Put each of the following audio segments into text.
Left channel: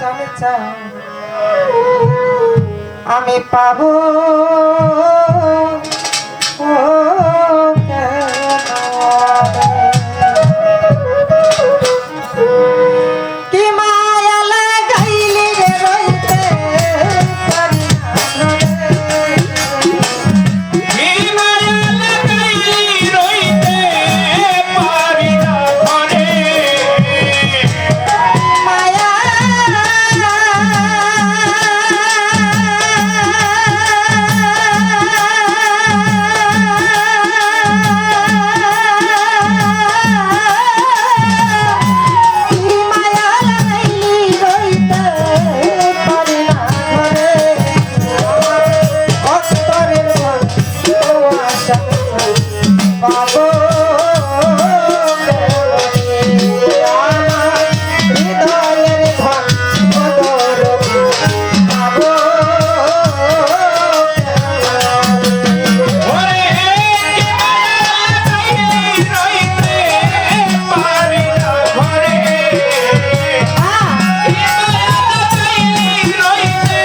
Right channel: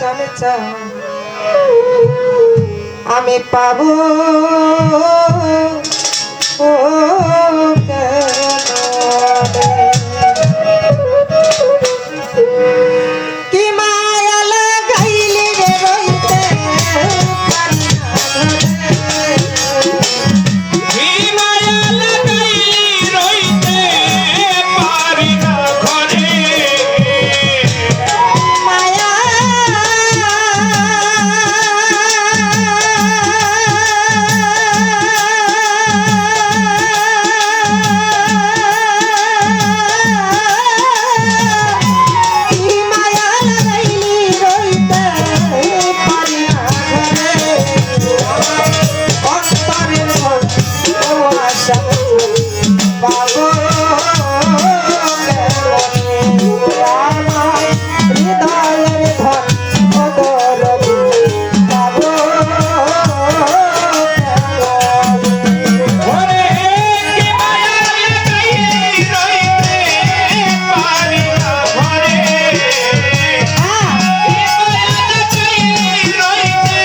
সঞ্চার আমি পাবো ও কি মায়া লাগাইলি রে রইতে পারি কি মায়া লাগাইলি রইতে পারি না ঘরে মায়া কি মায়া লাগাইলি রইতে পারি না ঘরে অন্তরের ঘর ও আশা পাবো আমার হৃদয়ের ধান অদরদি পাবো ঘরে কি মায়া লাগাইলি রইতে পারি না ঘরে কি মায়া লাগাইলি রইতে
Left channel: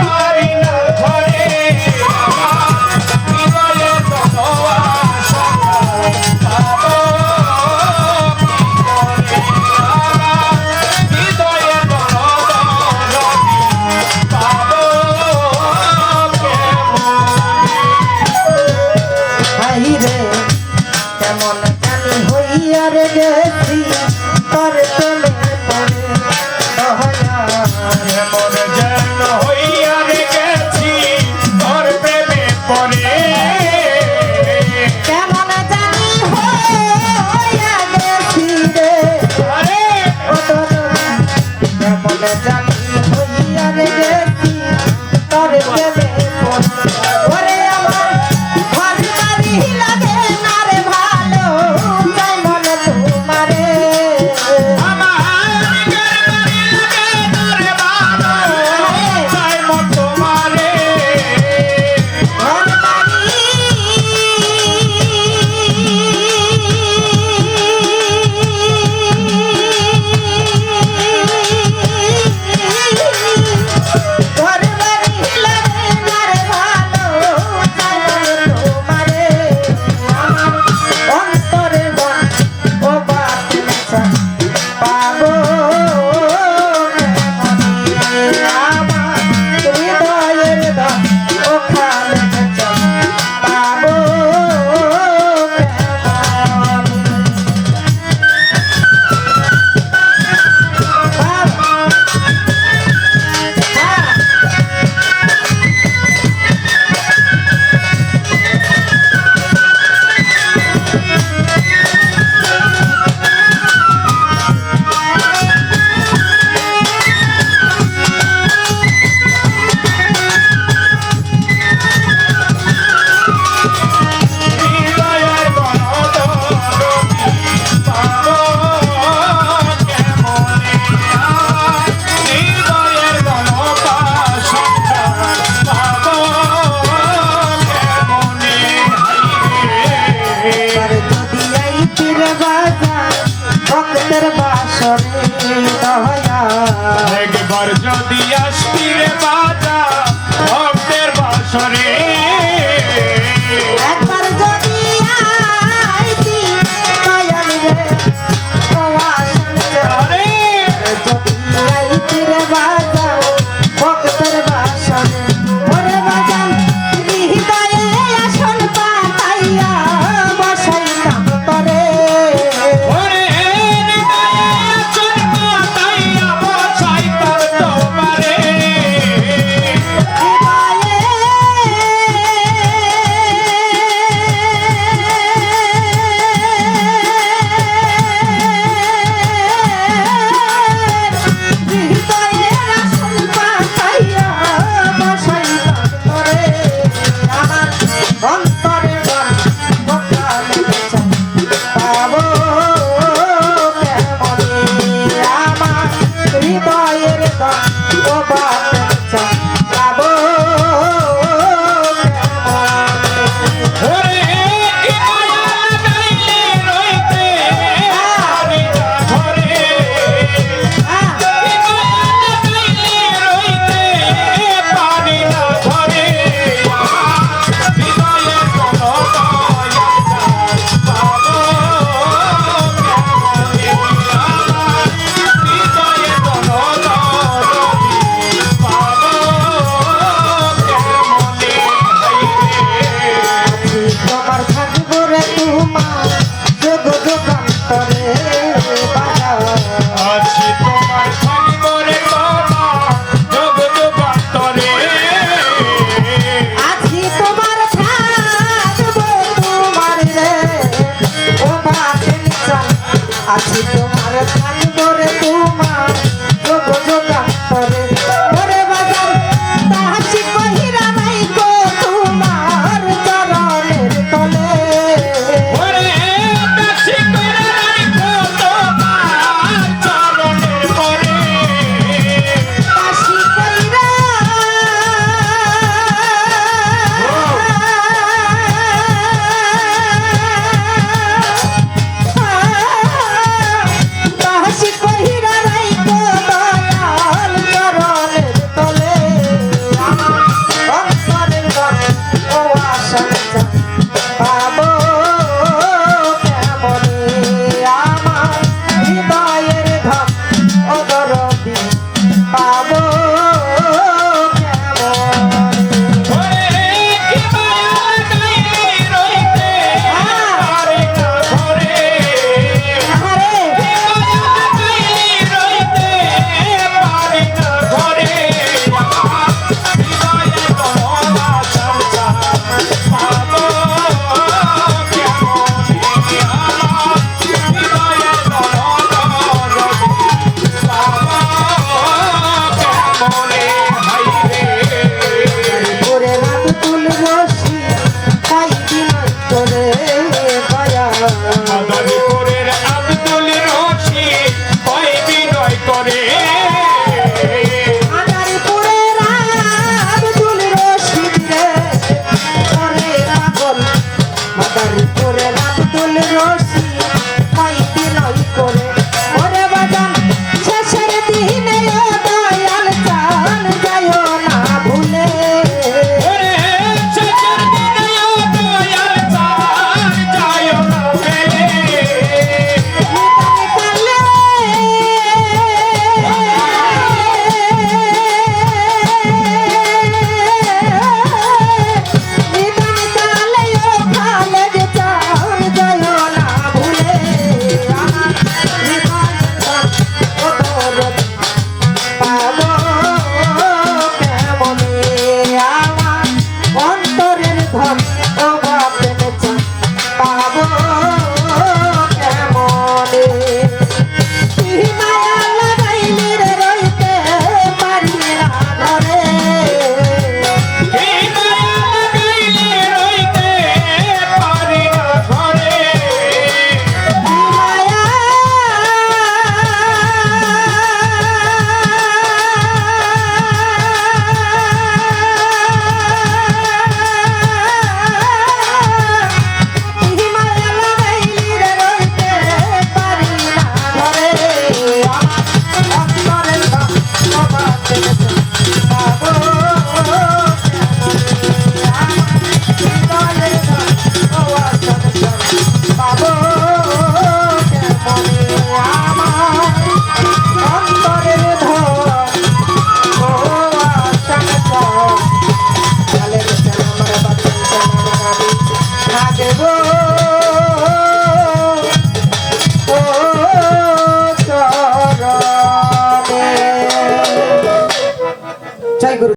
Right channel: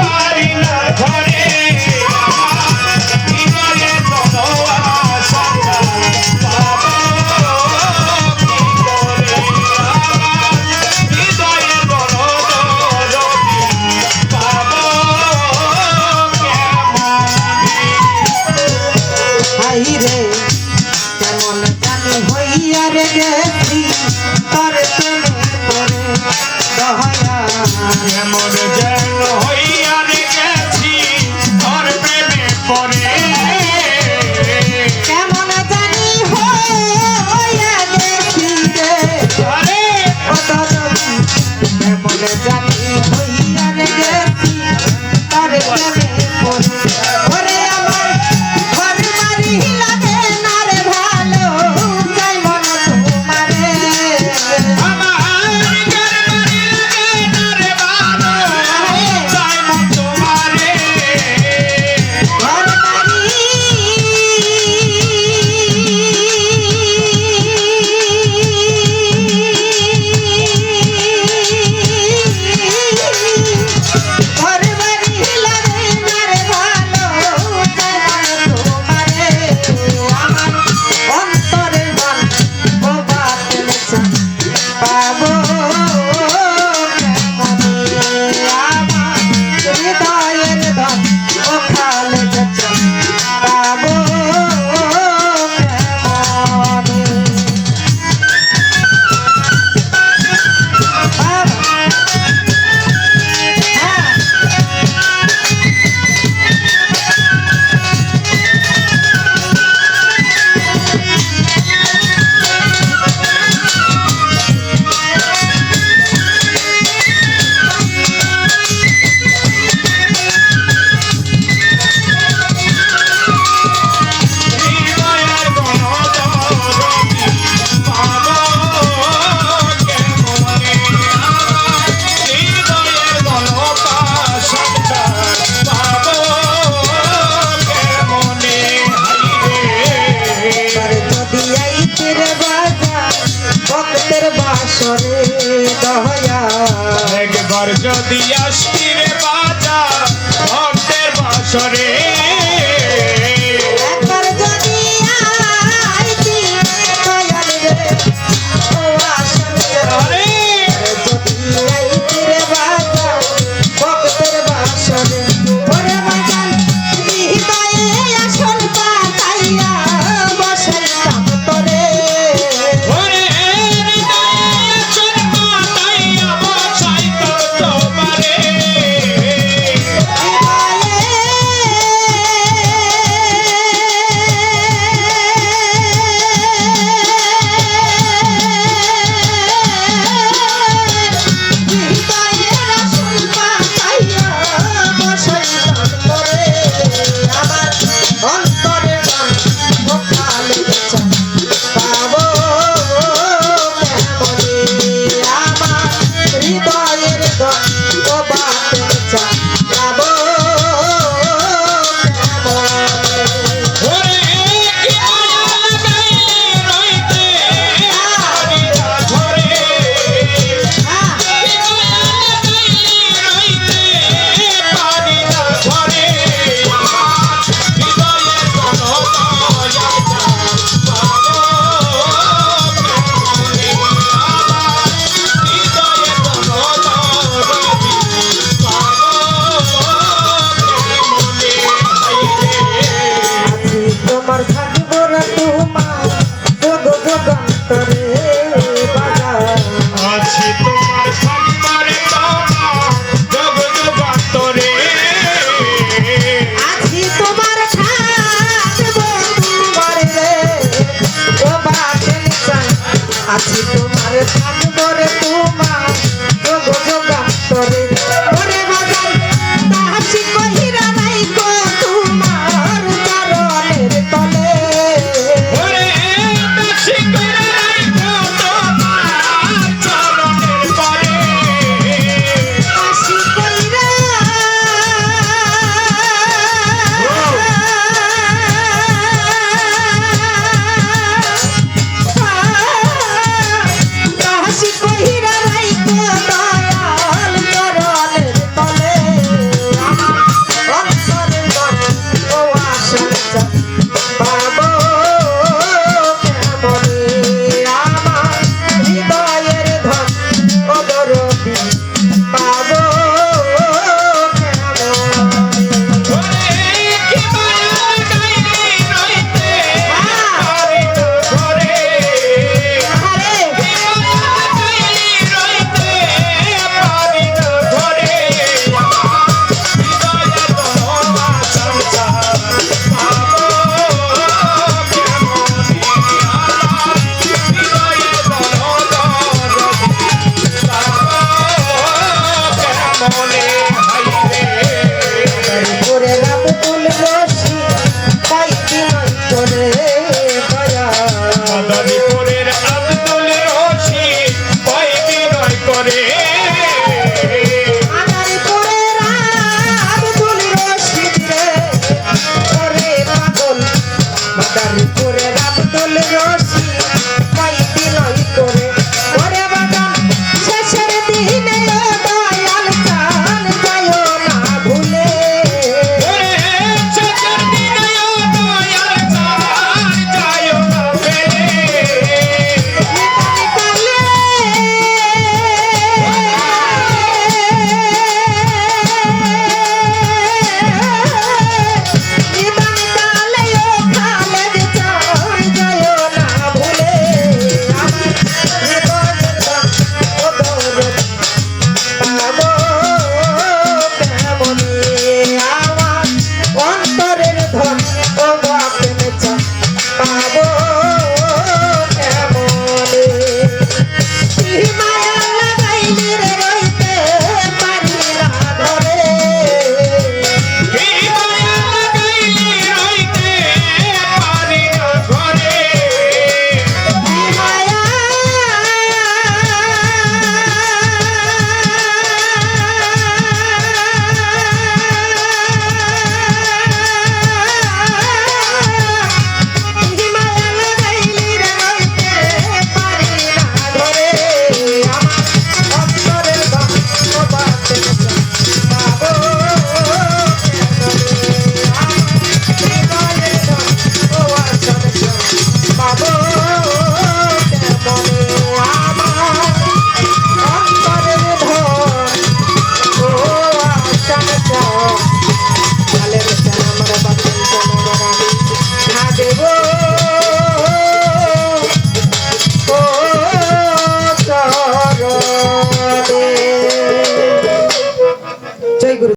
পারি না ঘরে আমার হৃদয়ে তোমার আশা পাবো কি করে হৃদয়ে তোমার পাবো হাই রে কেমন জানি হইয়া রে গেছি তোর প্রেমে পড়ে দয়া এমন যেন হইয়া গেছি তোর প্রেমে পড়ে কেমন জানি হইয়া গেছি রে আরে ও দয়ালু কেমন জানি হইয়া রে গেছি তোর প্রেমে পড়ে ওরে আমার ঘর বাড়ি লাগে না রে ভালো যেমন তোমারে আমার গরবারি লাগে না রে ভালো চাই মন তোমারে ঘর বাড়ি ঘর বাড়ি লাগে না রে ভালো যেমন তোমারে আমার অন্তরের গান ও বাতলে চাই পাবো আমি আমার হৃদয়ের গান ও খালে চাই পাবো আমি